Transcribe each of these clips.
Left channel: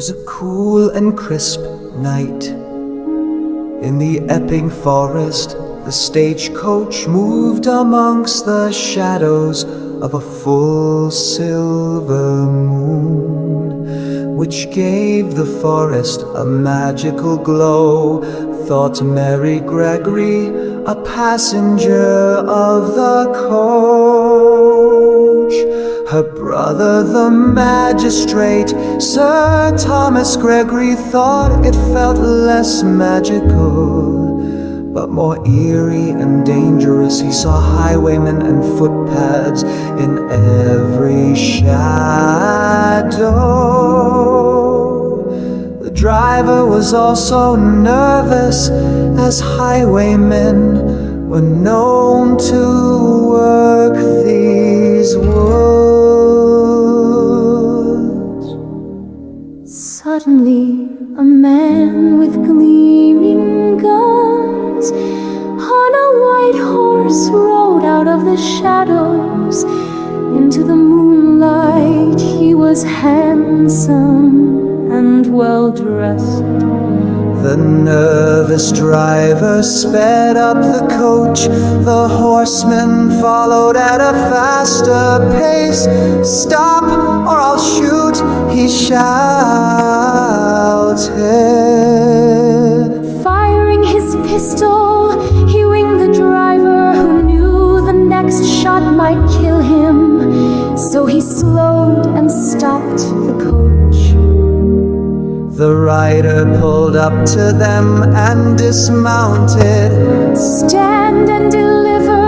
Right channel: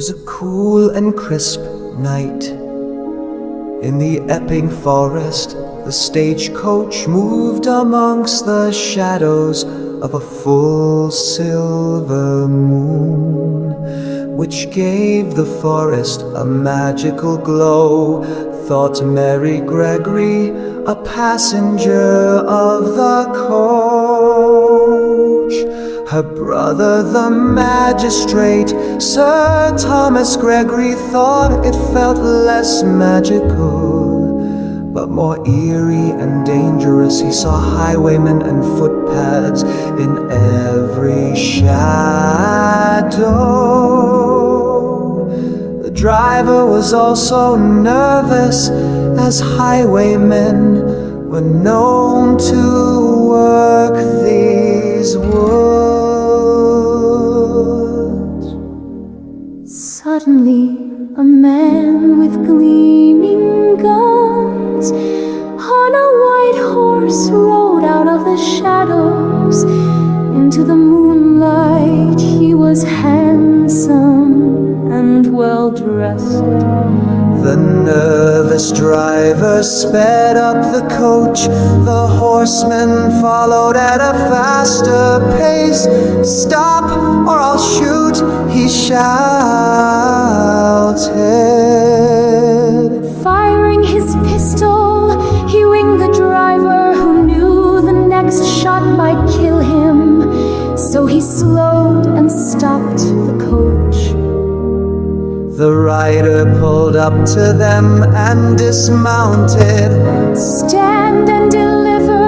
was a cool and crisp night. In the Epping forest, the stagecoach moved amongst the shadows of a full silver moon, which gave the forest a magical glow, thought Mary Gregory, a passenger of the coach. Her brother, the magistrate, Sir Thomas Gregory, thought it felt less magical, but more eerie and dangerous. He saw highwaymen and footpads in every shadow. The driver was also nervous, as highwaymen were known to work these woods. Suddenly, a man with gleaming guns on a white horse rode out of the shadows into the moonlight. He was handsome and well-dressed. The nervous driver sped up the coach. The horseman followed at a faster pace. "Stop, or I'll shoot," he shouted. Firing his pistol, he winged the driver, who knew the next shot might kill him. So he slowed and stopped the coach. The rider pulled up to them and dismounted. "Stand and deliver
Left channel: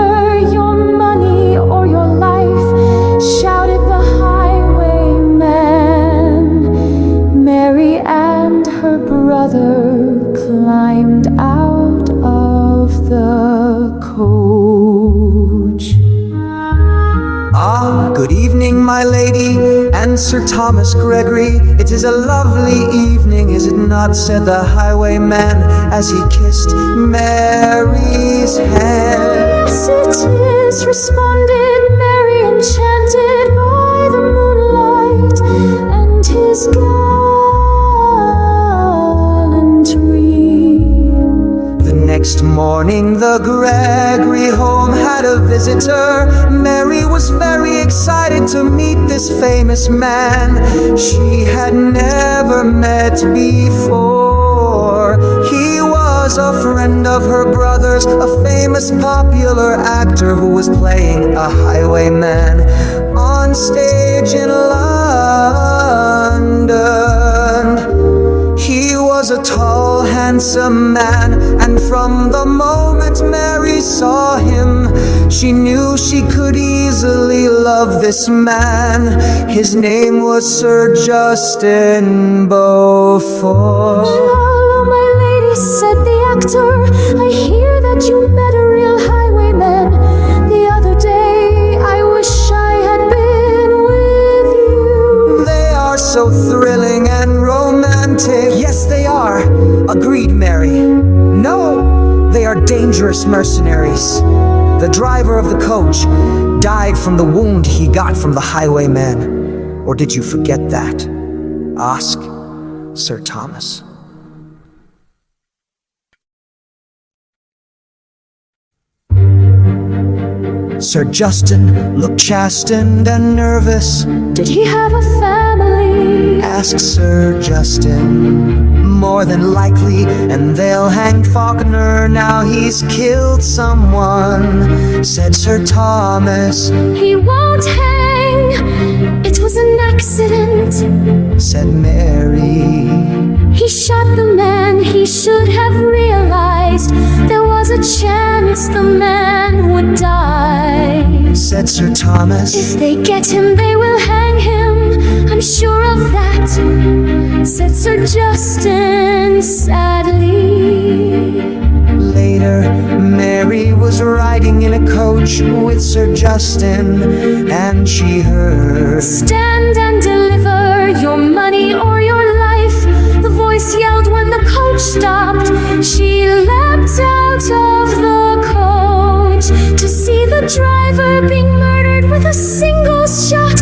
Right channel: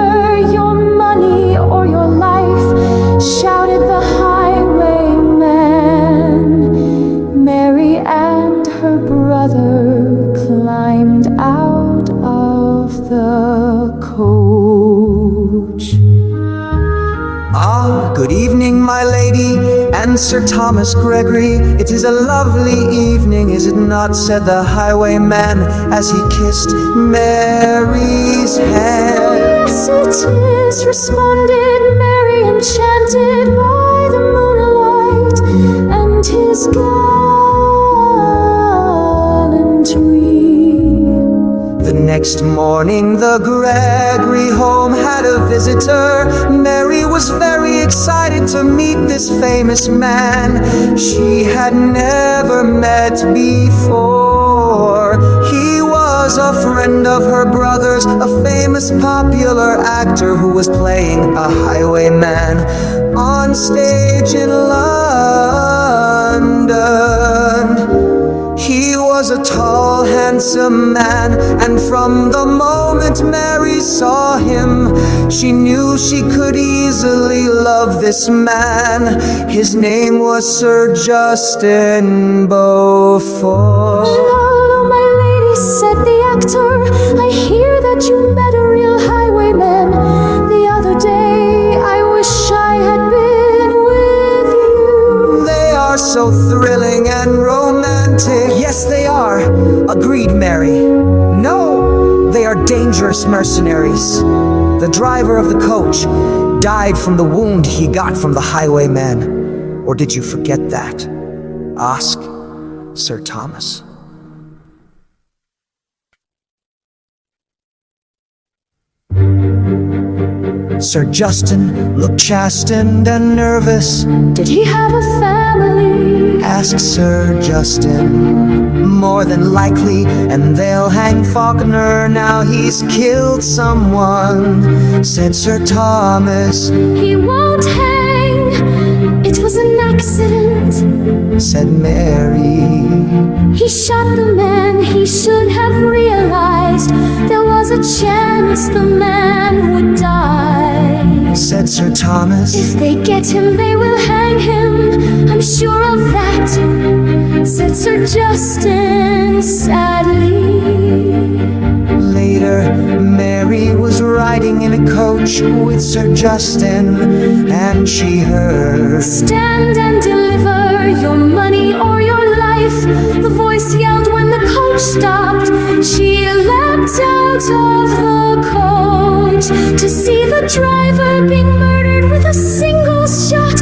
your money or your life," shouted the highwayman. Mary and her brother climbed out of the coach. "Ah, good evening, my lady, and Sir Thomas Gregory. It is a lovely evening, is it not?" said the highwayman as he kissed Mary's hand. "Yes, it is," responded Mary, enchanted by the moonlight and his gallantry. The next morning, the Gregory home had a visitor. Mary was very excited to meet this famous man she had never met before. He was a friend of her brother's, a famous popular actor who was playing a highwayman on stage in London. He was a tall, handsome man, and from the moment Mary saw him, she knew she could easily love this man. His name was Sir Justin Beaufort. "Hello, my lady," said the actor. "I hear that you met a real highwayman the other day. I wish I had been with you." "They are so thrilling and romantic." "Yes, they are," agreed Mary. "No, they are dangerous mercenaries. The driver of the coach died from the wound he got from the highwayman. Or did you forget that? Ask Sir Thomas." Sir Justin looked chastened and nervous. "Did he have a family?" asked Sir Justin. "More than likely, and they'll hang Faulkner now he's killed someone," said Sir Thomas. "He won't hang. It was an accident," said Mary. "He shot the man. He should have realized there was a chance the man would die," said Sir Thomas. "If they get him, they will hang him. I'm sure of that," said Sir Justin sadly. Later, Mary was riding in a coach with Sir Justin, and she heard, "Stand and deliver your money or your life," the voice yelled when the coach stopped. She leapt out of the coach to see the driver being murdered with a single shot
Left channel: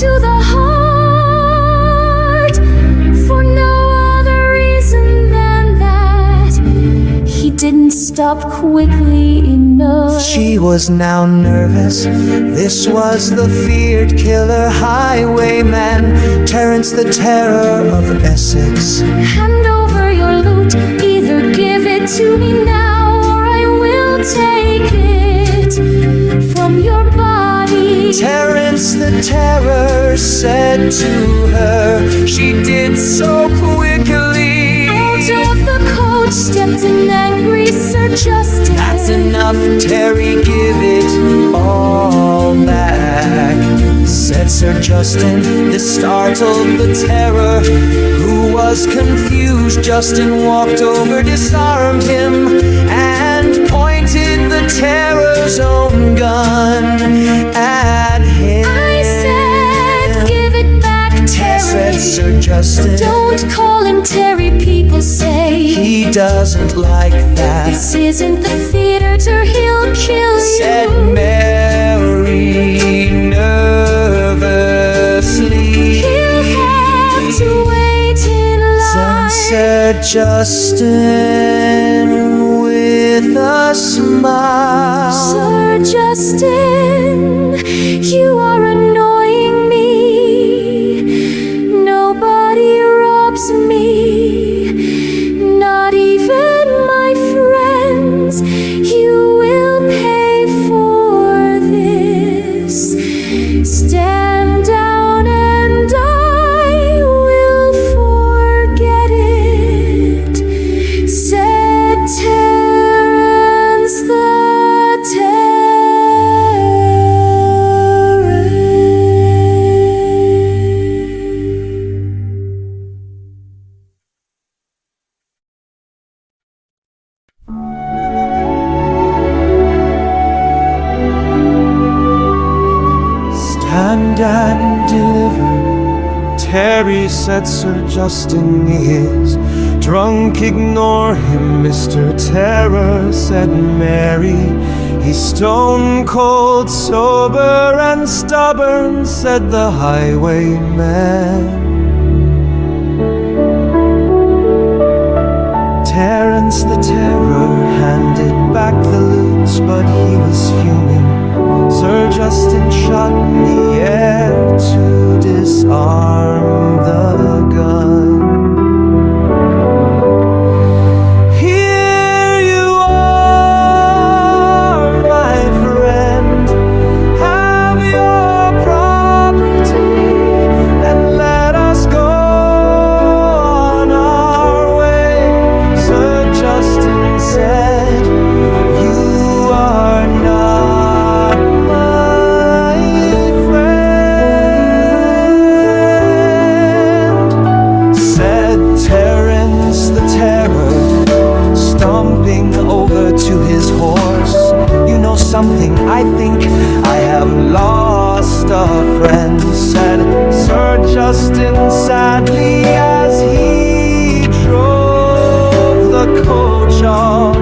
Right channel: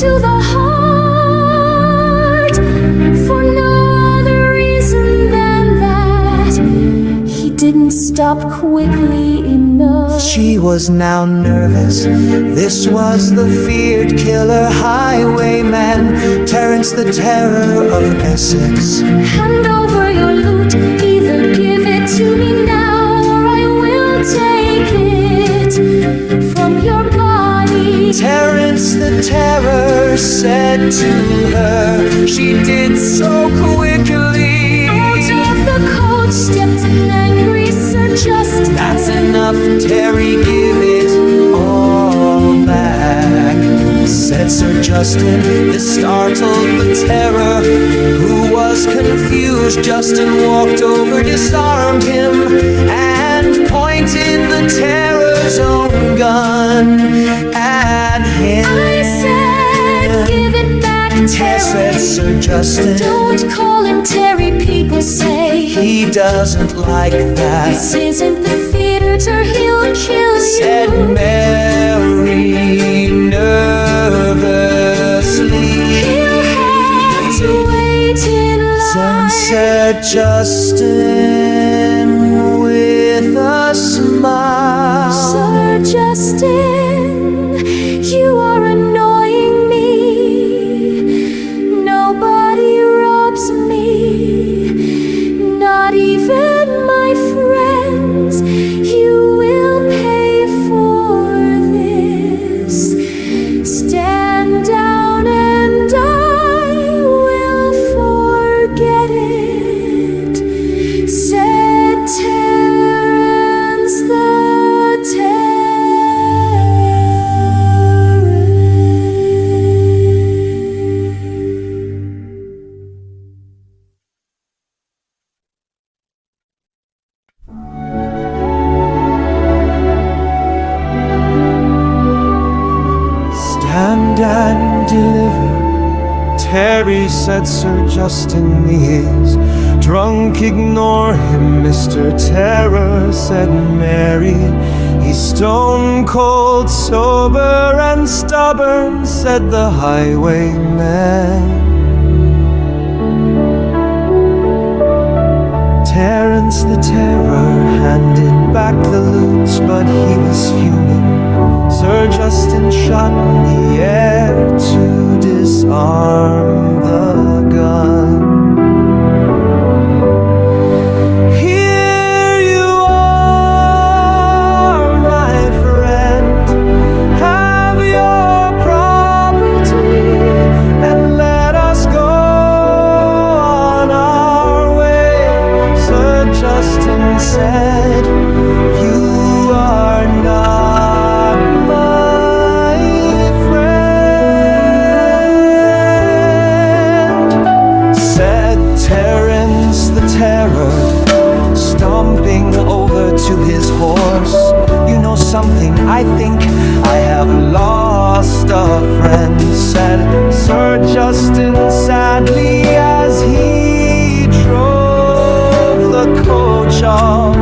to the heart. For didn't stop quickly enough. She was now nervous. This was the feared killer highwayman, Terrence the Terror of Essex. Hand over your loot, either give it to me now, or I will take it from your body. Terrence the Terror said to her. She did so quickly. Out of the coach stepped an angry Sir Justin. That's enough, Terry, give it all back, said Sir Justin. This startled the Terror, who was confused. Justin walked over, disarmed him, and pointed the Terror's own gun at him. I said, give it back, Terry. Said Sir Justin. Don't call him Terry, people say. He doesn't like that. This isn't the theater, he'll kill you, said Mary nervously. He'll have to wait in line, said Justin with a smile. Sir Justin, you are annoying me. Nobody robs me, not even my friends. You will pay for this. Stand down and I will forget it, said Terrence the Terror. Stand and deliver, Terry, said Sir Justin is drunk. Ignore him, Mr. Terror, said Mary. He's stone cold sober and stubborn, said the highwayman. Terrence the Terror handed back the loot, but he was fuming. Sir Justin shot in the air to disarm the gun. Here you are, my friend. Have your property and let us go on our way. Sir Justin said, you are not my friend, said Terrence the Terror, stomping over to his horse. You know something, I think I have lost a friend, said Sir Justin sadly as he drove the coach off.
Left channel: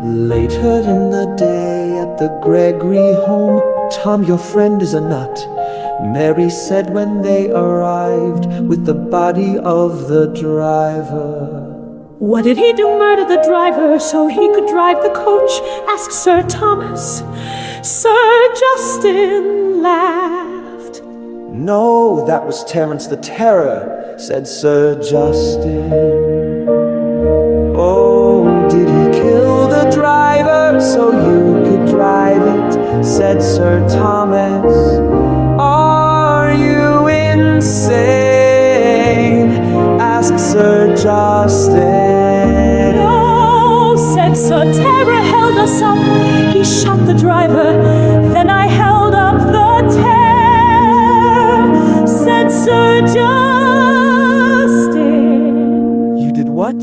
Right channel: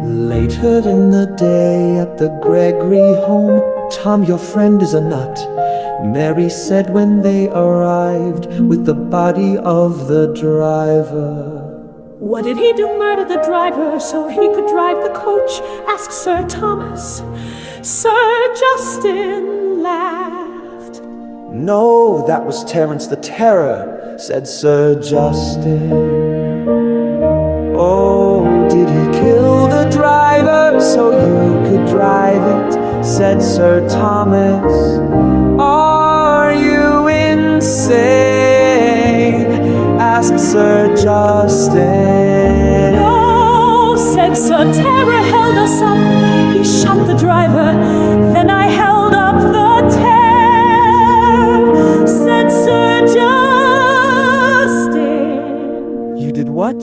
Later in the day at the Gregory home, Tom, your friend, is a nut. Mary said when they arrived with the body of the driver. What did he do? Murder the driver so he could drive the coach? Asked Sir Thomas. Sir Justin laughed. No, that was Terrence the Terror, said Sir Justin. Oh, did he kill the driver so you could drive it? Said Sir Thomas. Are you insane? Asked Sir Justin. No, said Sir Terror, held us up. He shot the driver, then I held up the terror, said Sir Justin. You did what?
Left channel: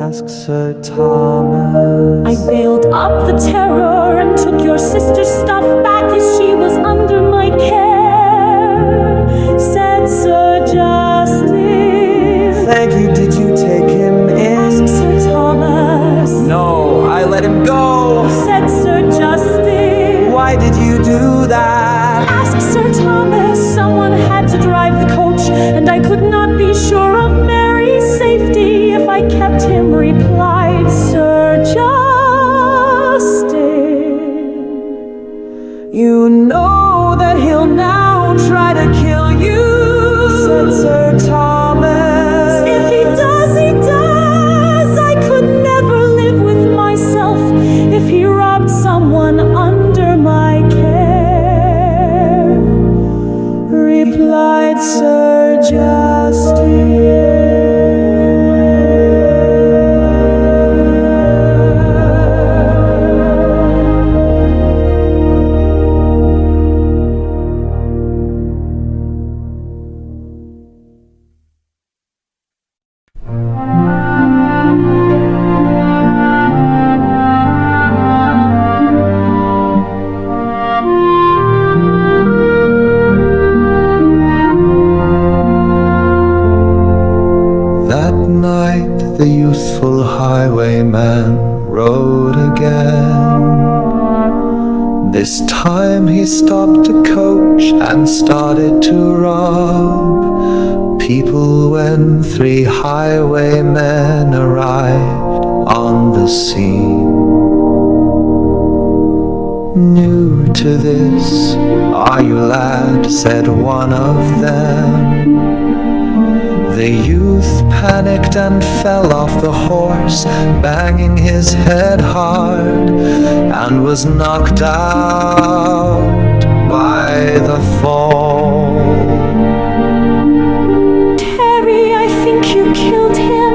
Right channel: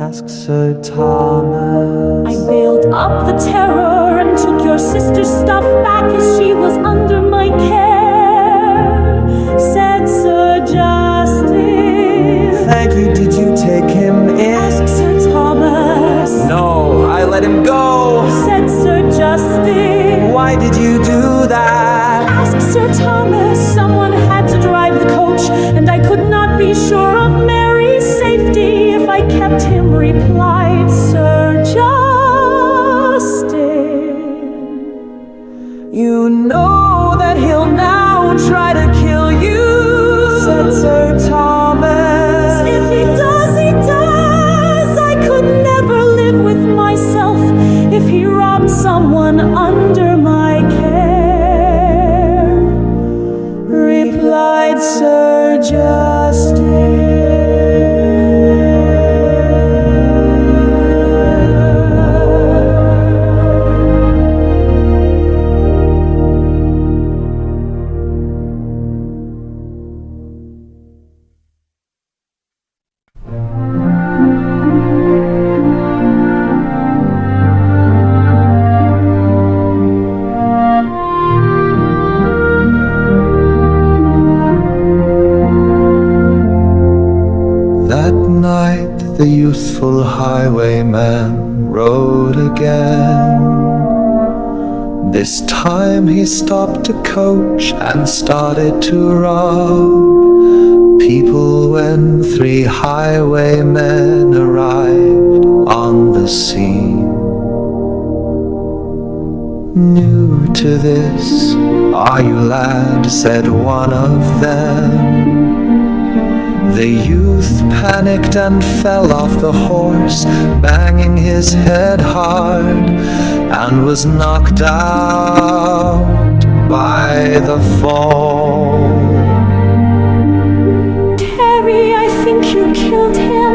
Asked Sir Thomas. I bailed up the terror and took your sister's stuff back as she was under my care, said Sir Justin. Thank you, did you take him in? Asked Sir Thomas. No, I let him go, said Sir Justin. Why did you do that? Asked Sir Thomas. Someone had to drive the coach, and I could not be sure of Mary's safety if I kept him, replied Sir Justin. You know that he'll now try to kill you, said Sir Thomas. If he does, he does. I could never live with myself if he robbed someone under my care, replied Sir Justin. That night the youthful highwayman rode again. This time he stopped a coach and started to rob people when 3 highwaymen arrived on the scene. New to this, are you, lad? Said one of them. The youth panicked and fell off the horse, banging his head hard, and was knocked out by the fall. Terry, I think you killed him,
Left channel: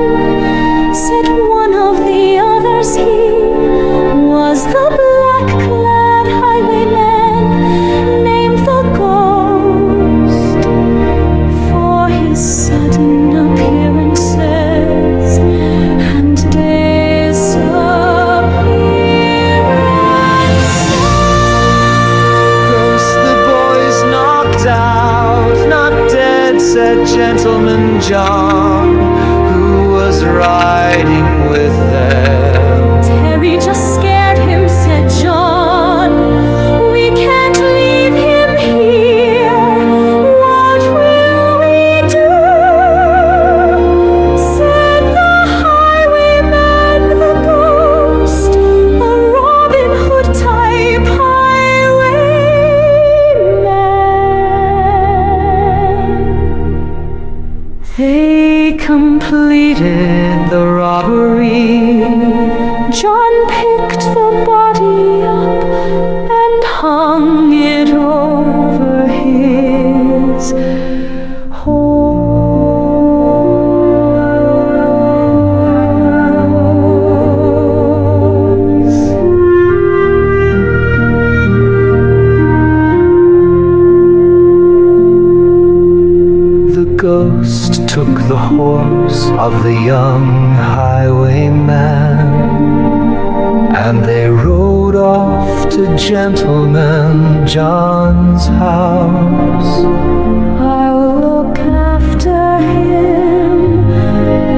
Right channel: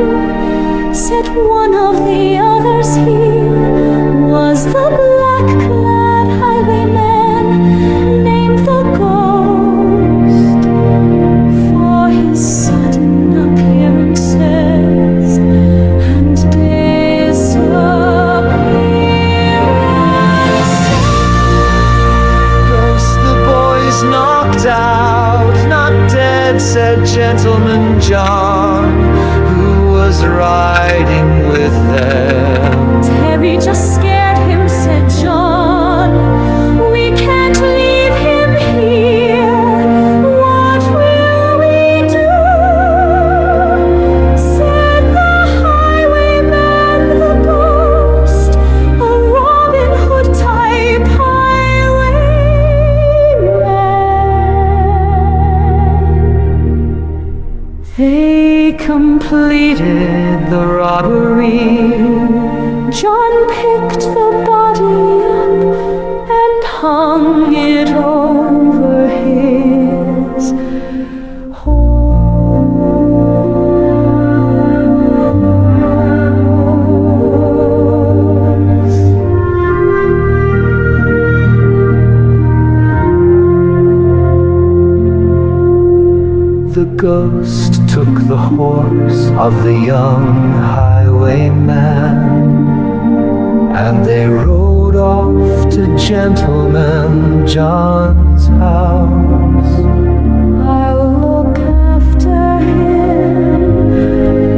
said one of the others. He was the black-clad highwayman named the Ghost. For his sudden appearances and disappearances. Ghost, the boys knocked out, not dead, said Gentleman John, who was riding with them. Terry just scared him, said John. We can't leave him here. What will we do? Said the highwayman, the Ghost, a Robin Hood type highwayman. They completed the robbery. John picked the body up and hung it over his horse. The ghost took the horse of the young highwayman, and they rode off to Gentleman John's house. I'll look after him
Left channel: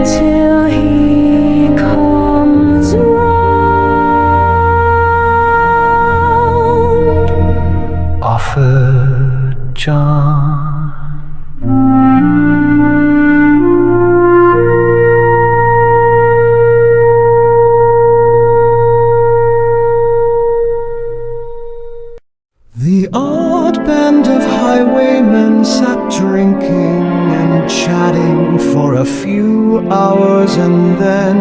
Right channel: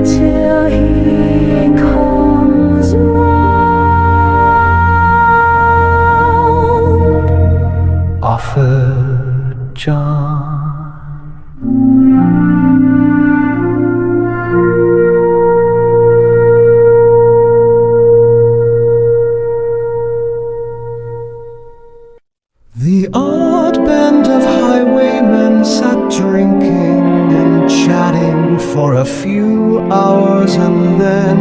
till he comes round, offered John. The odd band of highwaymen sat drinking and chatting for a few hours, and then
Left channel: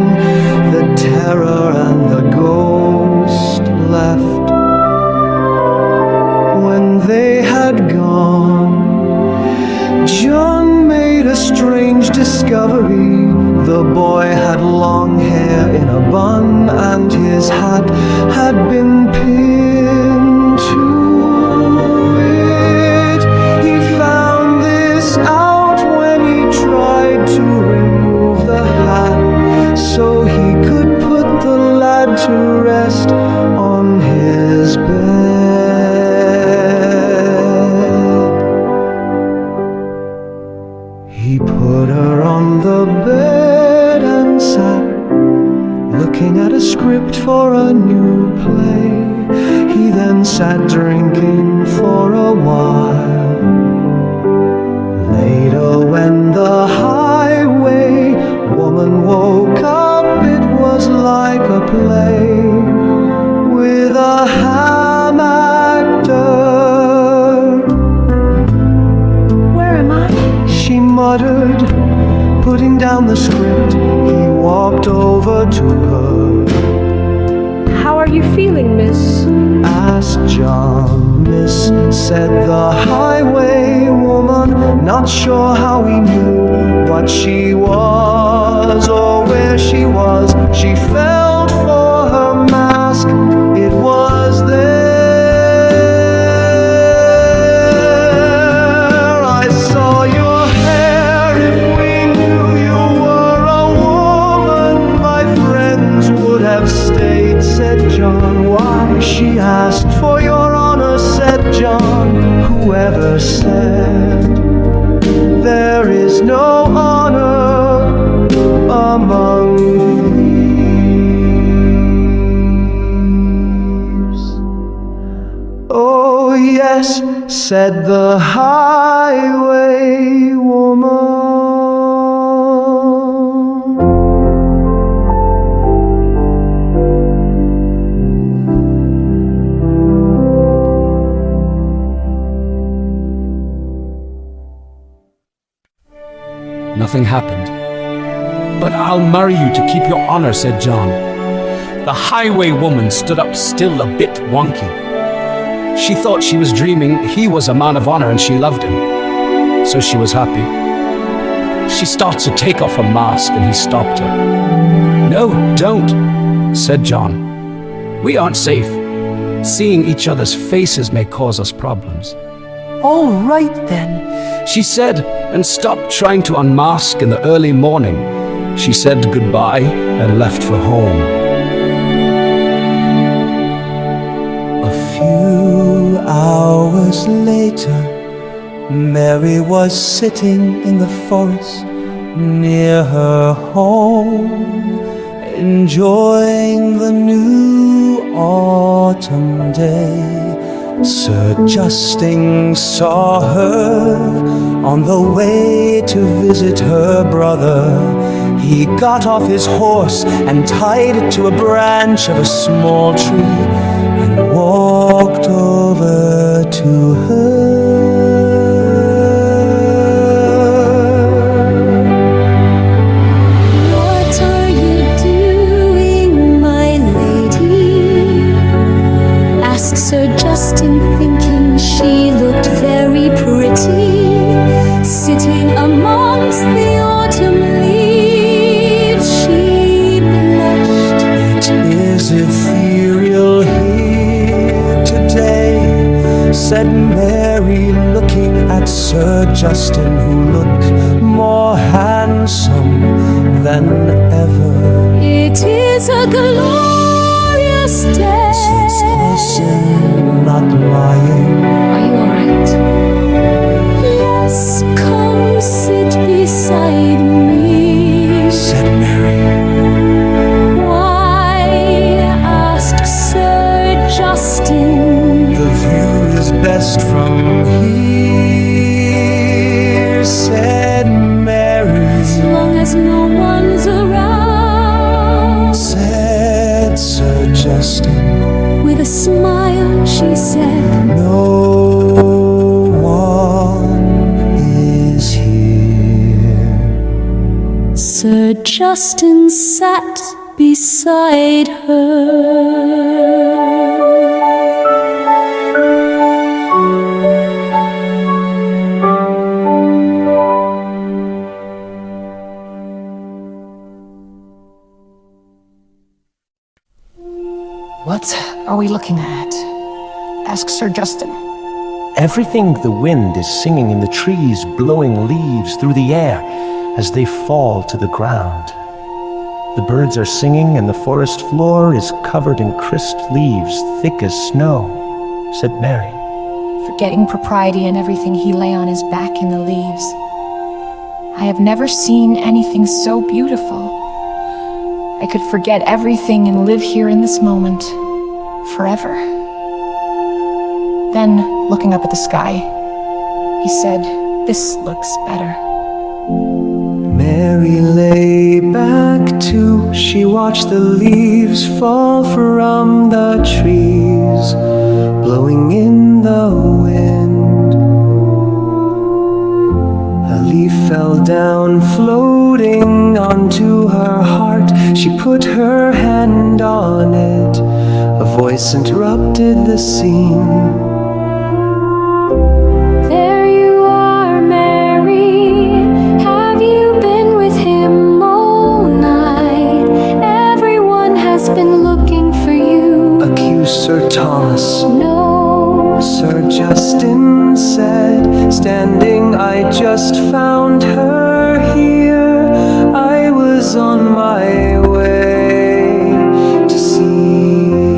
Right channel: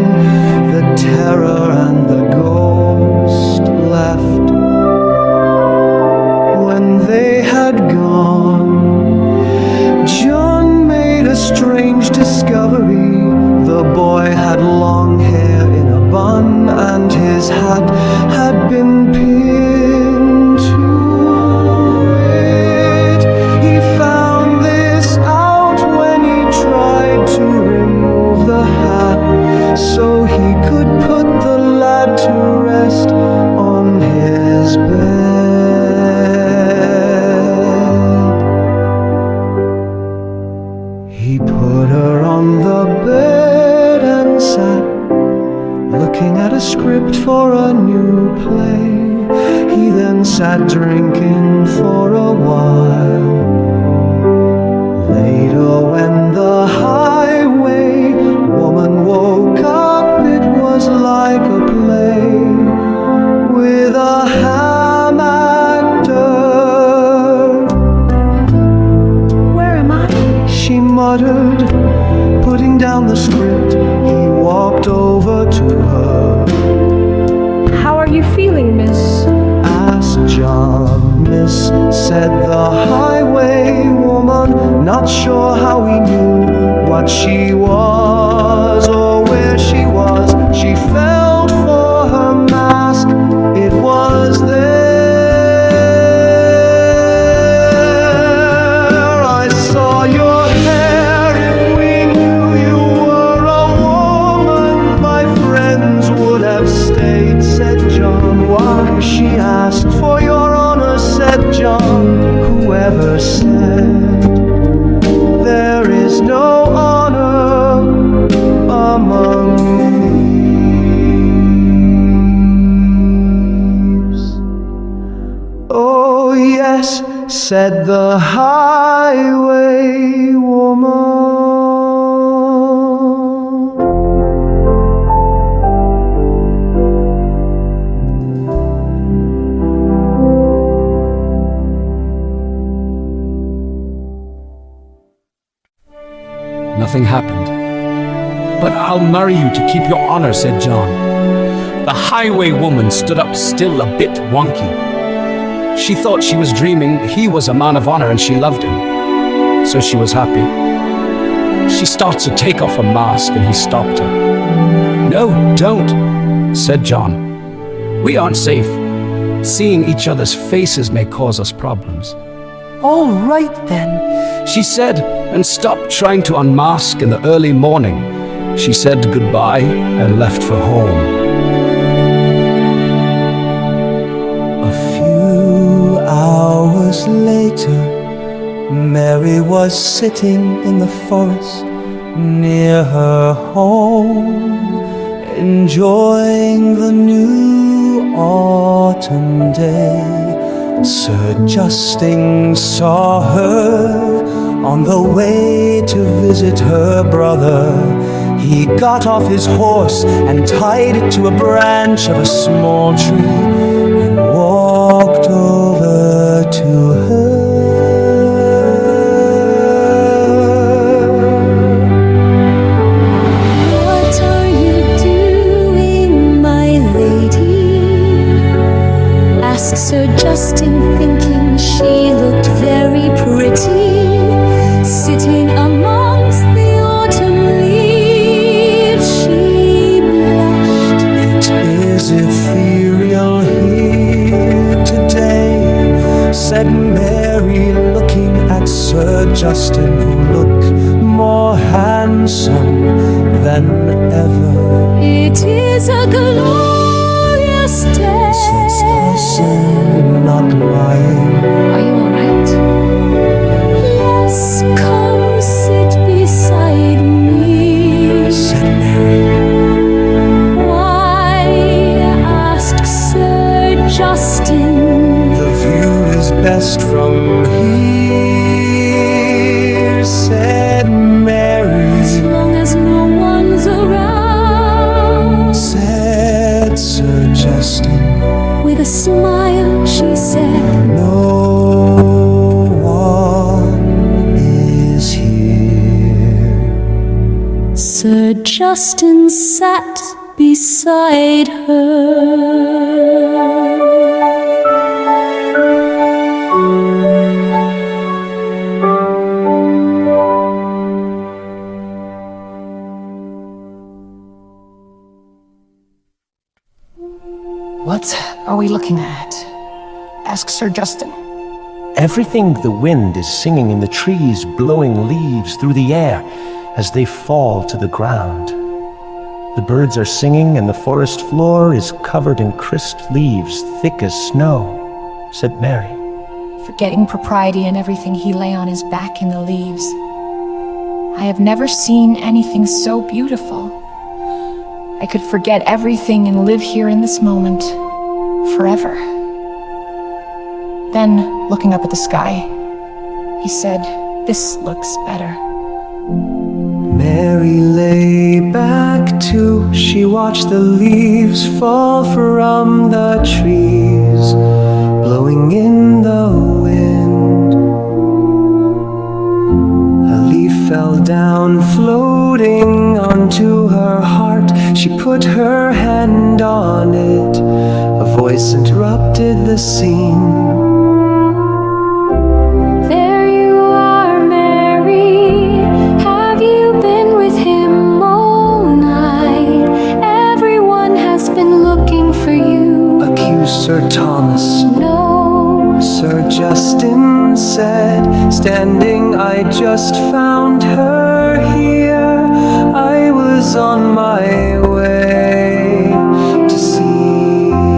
the terror and the ghost left. When they had gone, John made a strange discovery. The boy had long hair in a bun, and his hat had been pinned to it. He found this out when he tried to remove the hat, so he could put the lad to rest on his bed. He put her on the bed and sat looking at a script for a new play. He then sat drinking for a while. Later, when the highway woman woke up, it was like a play with a ham actor. Where am I? She muttered, putting down the script. He walked over to her. How are you feeling, miss? Asked John. Miss, said the highway woman, not sure how he knew what she was or where she was. She felt for her mask, it was there. I saw your hair. If we knew you were a woman, my friends would have stayed, said John. Why? She asked. For your honor, said John. Whoever said there is no honor among thieves? Oh yes, said the highway woman. Nothing happened. But I'll marry you to keep your honor, said John. The highway woman stood up still, a bit wonky. She thought she was dreaming. He was a man of honor and she loved him. So she was happy. She started to take off her mask and he stopped her. No, don't, said John. We aren't safe. Seeing each other's faces may cause us problems. All right then, She said, and stopped trying to unmask in the early morning. She said goodbye and left for home. A few hours later, Mary was sitting in the forest near her home, enjoying the new autumn day. Sir Justin saw her on the way to visit her brother. He got off his horse and tied it to a branch of a small tree and walked over to her. What are you doing, my lady? Asked Sir Justin, thinking she looked very pretty, sitting amongst the autumn leaves. She blushed. It is ethereal here today, said Mary, looking at Sir Justin, who looked more handsome than ever. It is a glorious day. Says Justin, not lying. Are you all right? Yes, come sit beside me, Said Mary. Why? Asked Sir Justin. The view is best from here, said Mary. As long as no one's around. Said Sir Justin. With a smile she said, "No one is here." Sir Justin sat beside her. What are we looking at? Ask Sir Justin. Everything the wind is singing in the trees, blowing leaves through the air as they fall to the ground. The birds are singing and the forest floor is covered in crisped leaves, thick as snow, said Mary. Forgetting propriety and everything, he lay on his back in the leaves. I have never seen anything so beautiful. I could forget everything and live here in this moment forever. Then, looking up at the sky, he said, "This looks better." Mary lay back too. She watched the leaves fall from the trees, blowing in the wind. A leaf fell down, floating onto her heart. She put her hand on it. A voice interrupted the scene. There you are, Mary. Have you been with him all night? Everyone has been looking for you. Accused Sir Thomas. No, Sir Justin said, standing, "I just found her here. I was on my way to see you."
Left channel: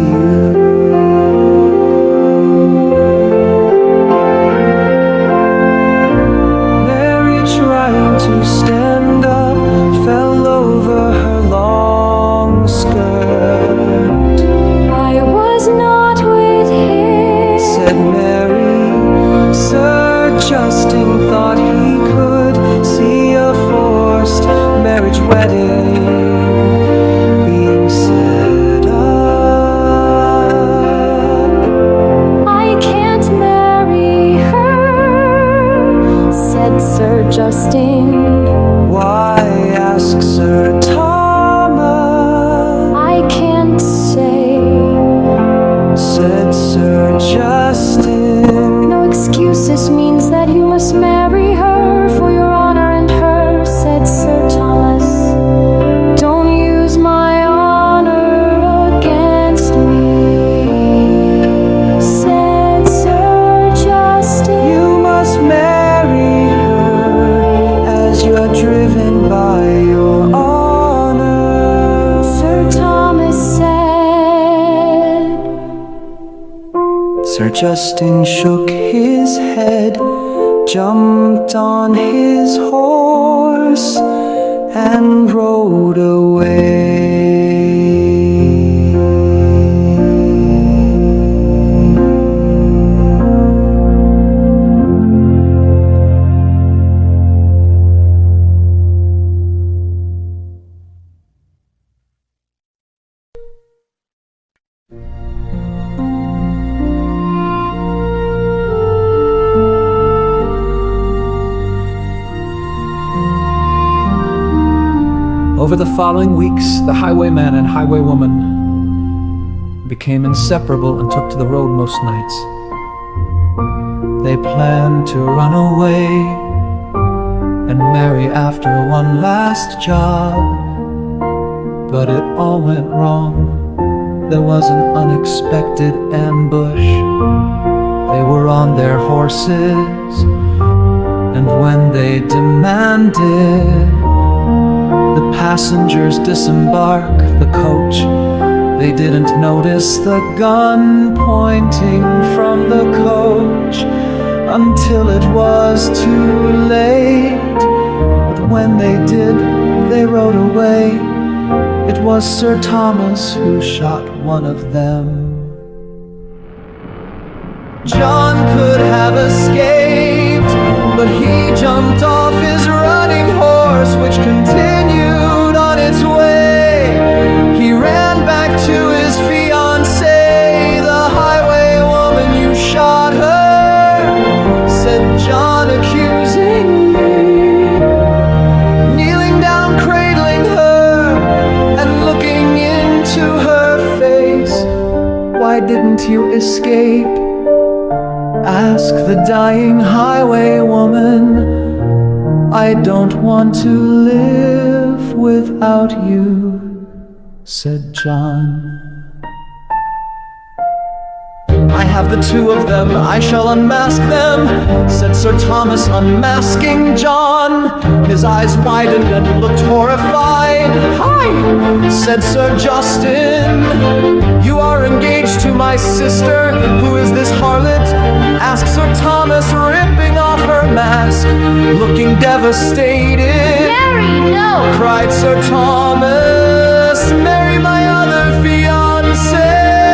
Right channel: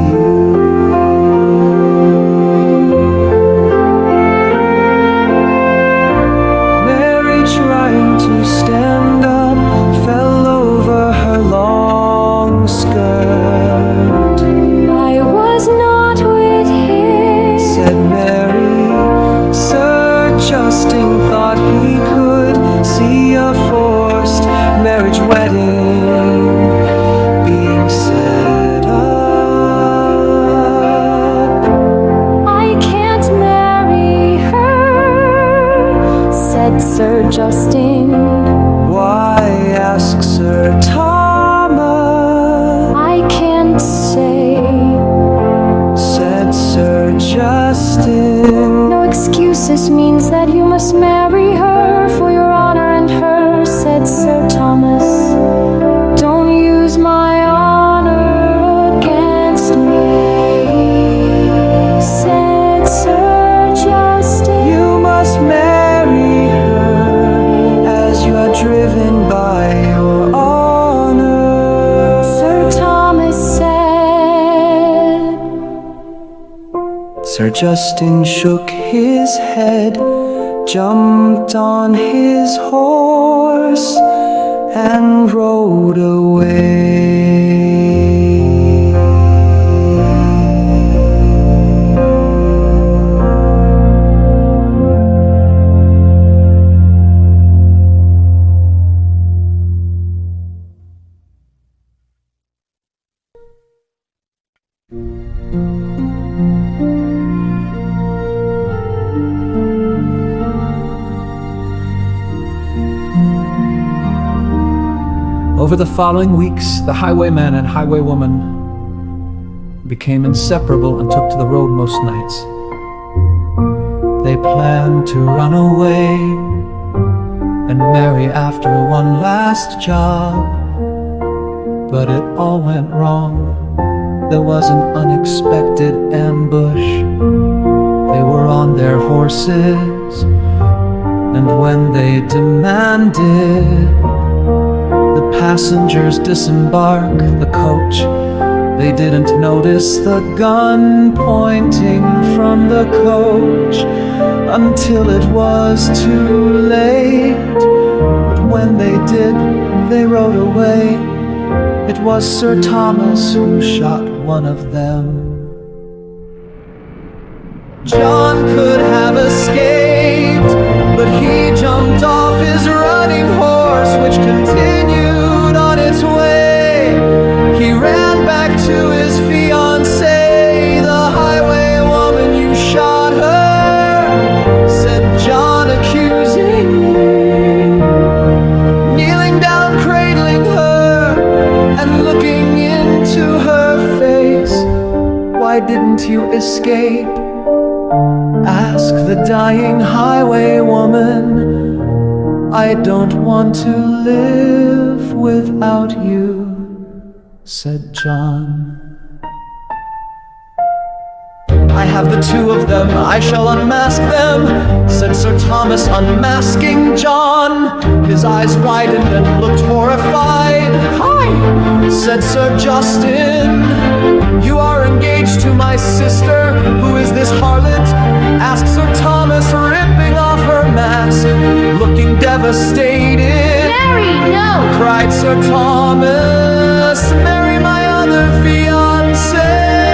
Mary, trying to stand up, fell over her long skirt. I was not with him, Said Mary. Sir Justin thought he could see a forced marriage wedding being set up. I can't marry her, said Sir Justin. Why, asked Sir Thomas. I can't say, Said Sir Justin. no excuses means that you must marry her for your honor and hers, said Sir Thomas. Don't use my honor against me, said Sir Justin. You must marry her as you are driven by your honor, Sir Thomas said. Sir Justin shook his head, jumped on his horse, and rode away. Over the following weeks, the highwayman and highwaywoman became inseparable and took to the road most nights. They planned to run away and marry after one last job, but it all went wrong. There was an unexpected ambush. They were on their horses, and when they demanded the passengers disembark the coach, they didn't notice the gun pointing from the coach until it was too late. But when they did, they rode away. It was Sir Thomas who shot one of them. John could have escaped, but he jumped off his running horse, which continued on its way. He ran back to his fiancée. why didn't you escape? Ask the dying highwaywoman. I don't want to live without you, said John. I have the two of them, I shall unmask them, said Sir Thomas, unmasking John. His eyes widened and looked horrified. Hi, said Sir Justin. You are engaged to my sister. Who is this harlot? Asked Sir Thomas, ripping off her mask, looking devastated. Mary, no! Cried Sir Thomas, Mary, my other fiancée.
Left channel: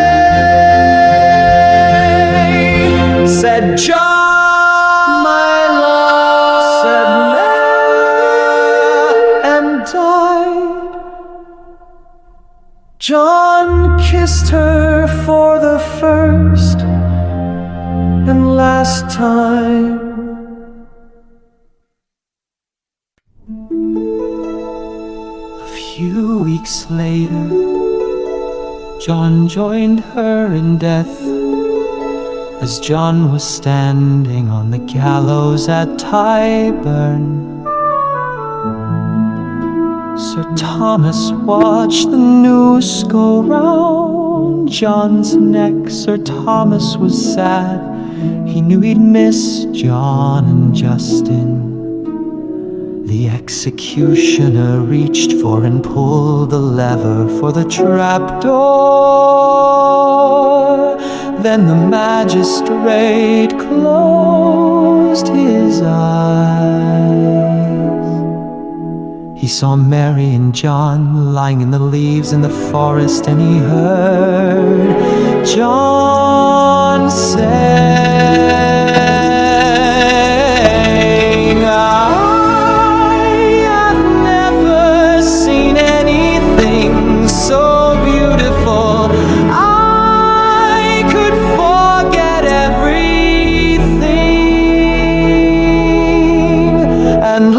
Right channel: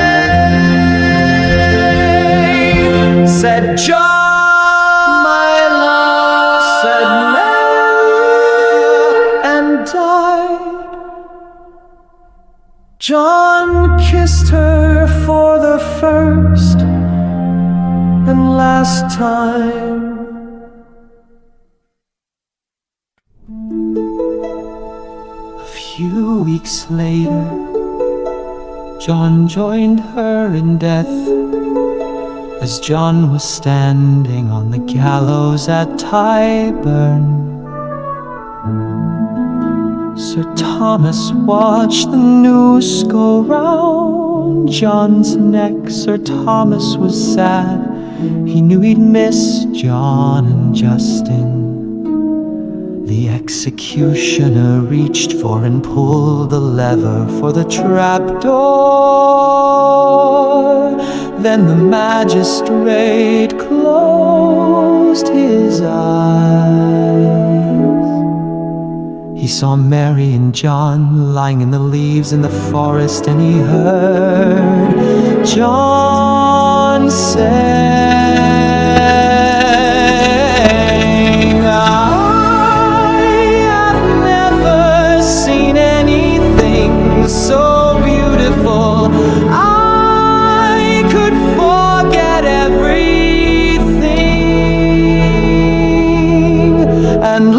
Said John, my love, said Mary, and died. John kissed her for the first and last time. A few weeks later, John joined her in death. As John was standing on the gallows at Tyburn, Sir Thomas watched the noose go round John's neck. Sir Thomas was sad. He knew he'd miss John and Justin. The executioner reached for and pulled the lever for the trapdoor. Then the magistrate closed his eyes. He saw Mary and John lying in the leaves in the forest, and he heard John saying, I have never seen anything so beautiful. I could forget everything and